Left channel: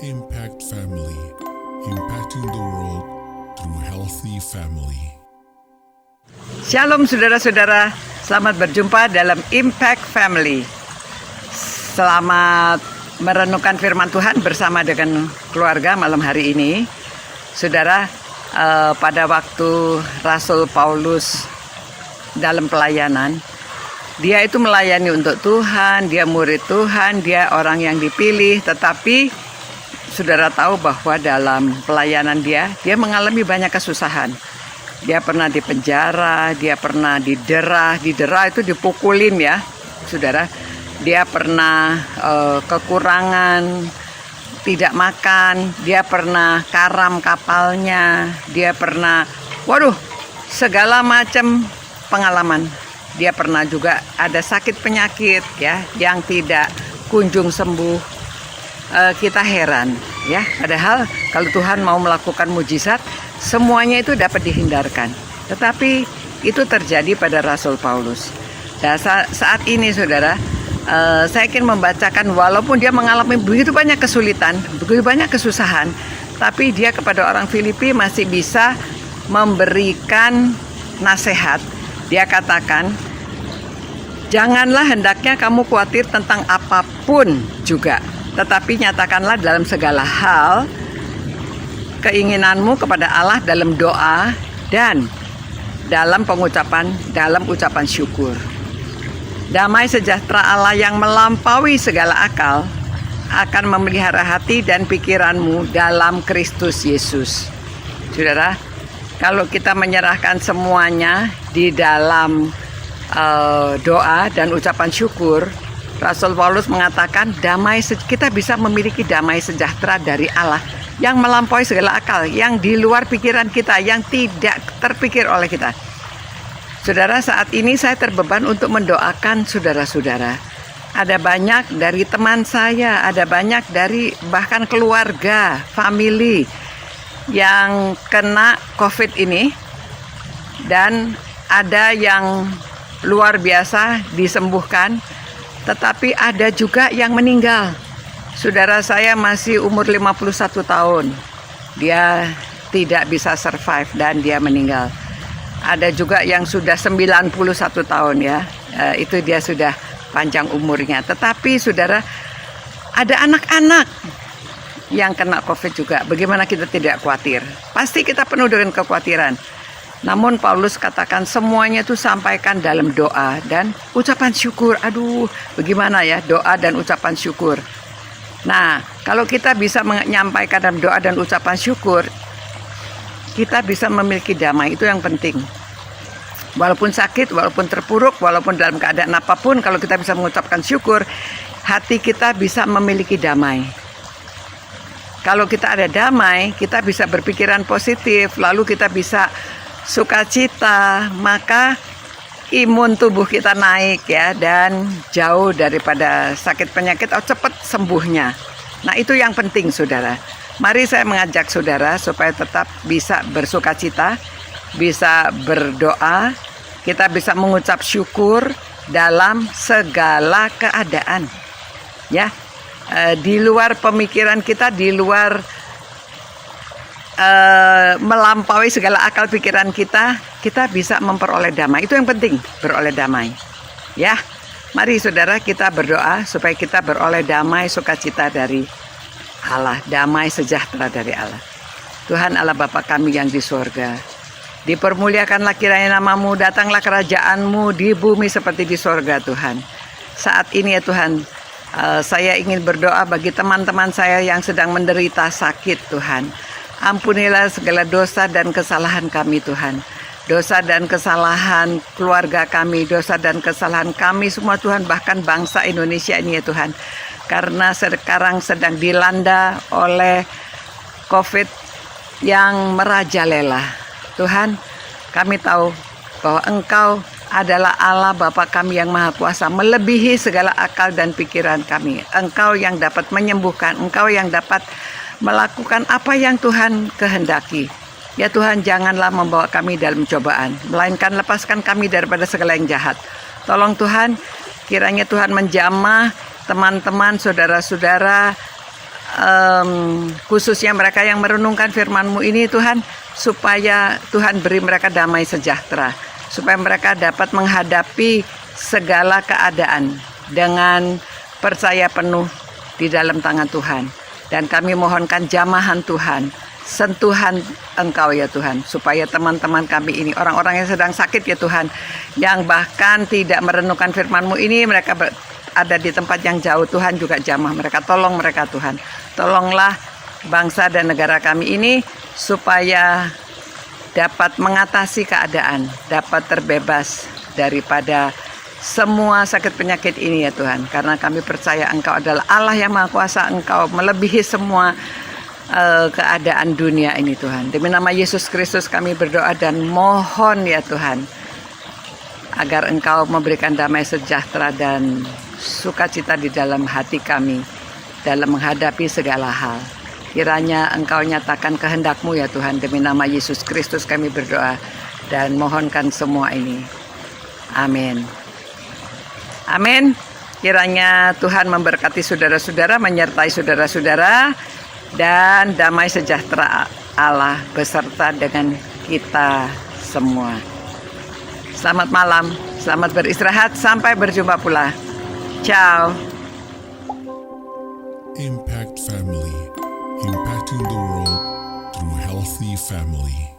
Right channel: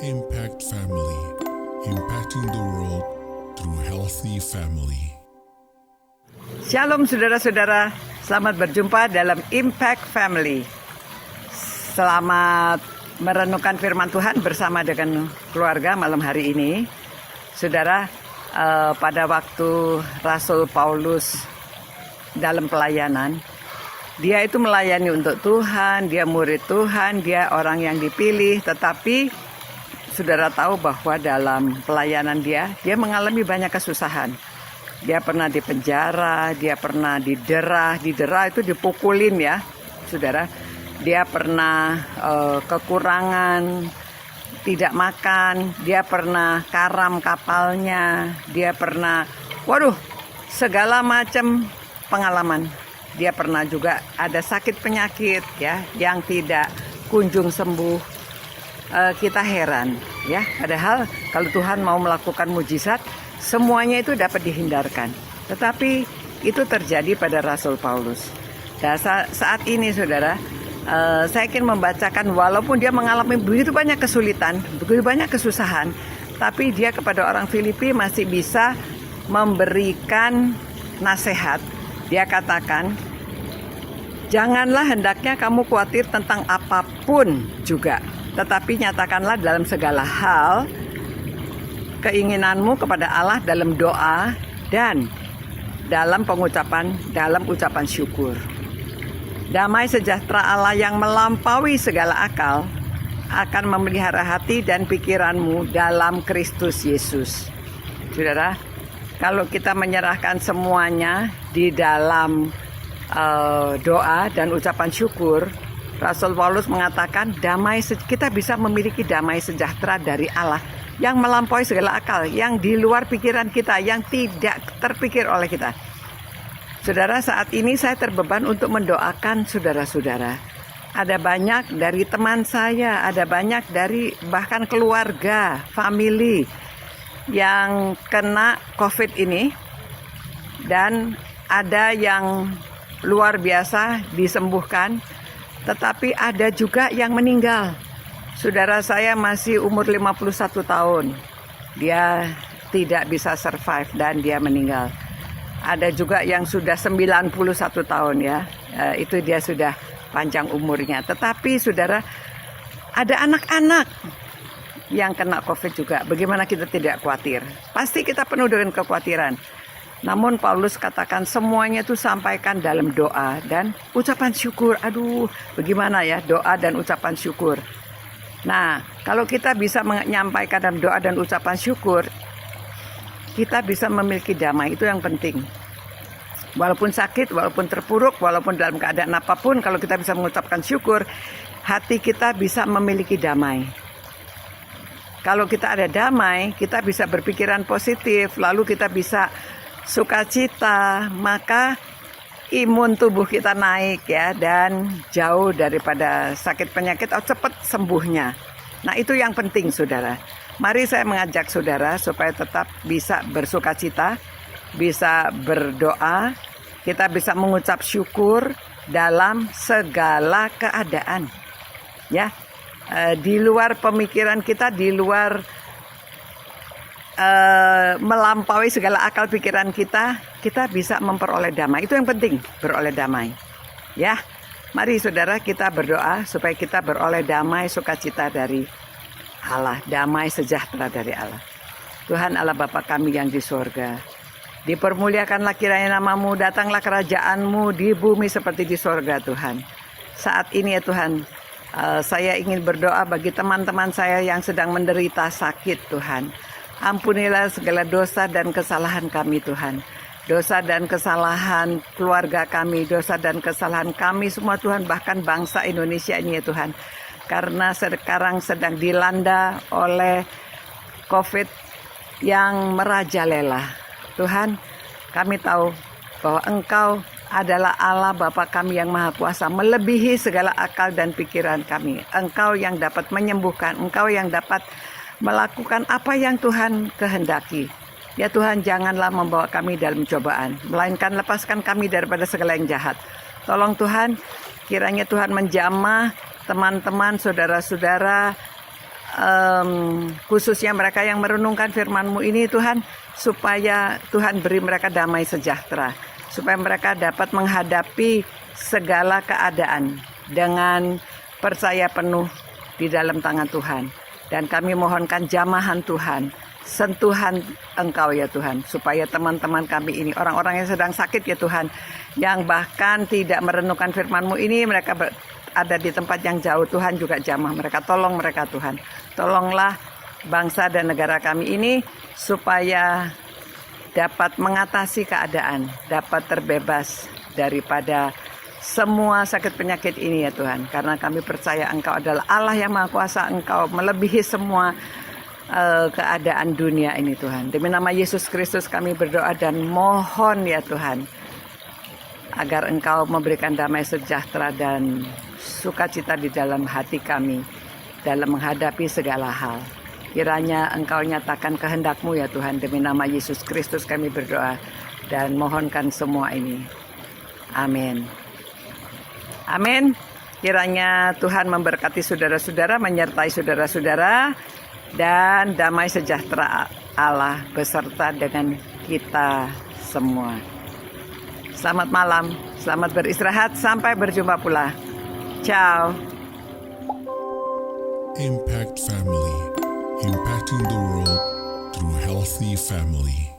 Impact Family, impacting the world through healthy family. Shalom saudara-saudara, selamat berjumpa dalam Impact Family. Selamat merenungkan firman Tuhan bersama dengan keluarga malam hari ini. Saudara, pada waktu Rasul Paulus dalam pelayanan, dia itu melayani untuk Tuhan, dia murid Tuhan, dia orang yang dipilih, tetapi saudara tahu bahwa dalam pelayanan dia mengalami banyak kesusahan. Dia pernah dipenjara, dia pernah didera itu dipukulin ya, saudara. Dia pernah kekurangan, tidak makan, dia pernah karam kapalnya, dia pernah, segala macam pengalaman. Dia pernah juga ada sakit penyakit ya, yang tidak kunjung sembuh. Kita heran ya, padahal kalau Tuhan mau melakukan mujizat, semuanya itu dapat dihindarkan. Tetapi itu terjadi pada Rasul Paulus. Dan saat ini saudara, saya ingin membacakan, walaupun dia mengalami begitu banyak kesulitan, begitu banyak kesusahan, tapi dia kepada orang Filipi masih bisa memberikan nasihat. Dia katakan, janganlah hendaknya kamu khawatir tentang apapun juga, tetapi nyatakanlah dalam segala hal keinginanmu kepada Allah dalam doa dan dalam ucapan syukur. Damai sejahtera Allah yang melampaui segala akal akan memelihara hati dan pikiranmu dalam Kristus Yesus. Saudara, kalau kita menyerahkan semuanya di dalam doa dan ucapan syukur, Rasul Paulus mengatakan kita bisa memiliki damai sejahtera dari Allah yang melampaui segala akal, yang di luar pikiran kita, yang tidak terpikir oleh kita. Saudara, saat ini saya terbeban untuk mendoakan saudara-saudara. Ada banyak dari teman saya, ada banyak dari bahkan keluarga, family yang kena COVID ini, dan ada yang luar biasa disembuhkan, tetapi ada juga yang meninggal. Saudara saya masih umur 51 tahun. Dia tidak bisa survive dan dia meninggal. Ada juga yang sudah 91 tahun ya. Itu dia sudah panjang umurnya. Tetapi saudara, ada anak-anak yang kena COVID juga. Bagaimana kita tidak khawatir? Pasti kita penuh dengan kekhawatiran. Namun Paulus katakan semuanya itu sampaikan dalam doa dan ucapan syukur. Bagaimana ya doa dan ucapan syukur? Nah, kalau kita bisa menyampaikan dalam doa dan ucapan syukur, kita bisa memiliki damai. Itu yang penting. Walaupun sakit, walaupun terpuruk, walaupun dalam keadaan apapun, kalau kita bisa mengucapkan syukur, hati kita bisa memiliki damai. Kalau kita ada damai, kita bisa berpikiran positif, lalu kita bisa sukacita, maka imun tubuh kita naik ya, dan jauh daripada sakit penyakit, cepat sembuhnya. Nah, itu yang penting saudara. Mari saya mengajak saudara supaya tetap bisa bersukacita, bisa berdoa, kita bisa mengucap syukur dalam segala keadaan. Ya, di luar pemikiran kita, di luar melampaui segala akal pikiran kita bisa memperoleh damai. Itu yang penting, beroleh damai. Ya, mari saudara kita berdoa supaya kita beroleh damai sukacita dari Allah, damai sejahtera dari Allah. Tuhan Allah Bapa kami yang di sorga, dipermuliakanlah kiranya namamu, datanglah kerajaanmu di bumi seperti di sorga Tuhan. Saat ini ya Tuhan, saya ingin berdoa bagi teman-teman saya yang sedang menderita sakit Tuhan. Ampunilah segala dosa dan kesalahan kami Tuhan. Dosa dan kesalahan keluarga kami, dosa dan kesalahan kami semua Tuhan, bahkan bangsa Indonesia ini ya Tuhan. Karena sekarang sedang dilanda oleh COVID yang merajalela. Tuhan, kami tahu bahwa Engkau adalah Allah Bapa kami yang Maha Kuasa, melebihi segala akal dan pikiran kami. Engkau yang dapat menyembuhkan, Engkau yang dapat melakukan apa yang Tuhan kehendaki. Ya Tuhan, janganlah membawa kami dalam cobaan, melainkan lepaskan kami daripada segala yang jahat. Tolong Tuhan, kiranya Tuhan menjamah teman-teman, saudara-saudara khususnya mereka yang merenungkan firman-Mu ini Tuhan, supaya Tuhan beri mereka damai sejahtera, supaya mereka dapat menghadapi segala keadaan dengan percaya penuh di dalam tangan Tuhan. Dan kami mohonkan jamahan Tuhan, sentuhan Engkau ya Tuhan, supaya teman-teman kami ini, orang-orang yang sedang sakit ya Tuhan, yang bahkan tidak merenungkan firman-Mu ini, mereka ada di tempat yang jauh, Tuhan juga jamah mereka, tolong mereka Tuhan. Tolonglah bangsa dan negara kami ini supaya dapat mengatasi keadaan, dapat terbebas daripada semua sakit penyakit ini ya Tuhan. Karena kami percaya Engkau adalah Allah yang Maha Kuasa, Engkau melebihi semua keadaan dunia ini Tuhan. Demi nama Yesus Kristus kami berdoa dan mohon ya Tuhan, agar Engkau memberikan damai sejahtera dan sukacita di dalam hati kami dalam menghadapi segala hal. Kiranya Engkau nyatakan kehendak-Mu ya Tuhan. Demi nama Yesus Kristus kami berdoa dan mohonkan semua ini. Amin. Amin. Kiranya Tuhan memberkati saudara-saudara, menyertai saudara-saudara, dan damai sejahtera Allah beserta dengan kita semua. Selamat malam, selamat beristirahat, sampai berjumpa pula. Ciao. Impact Family, impacting the world through healthy family.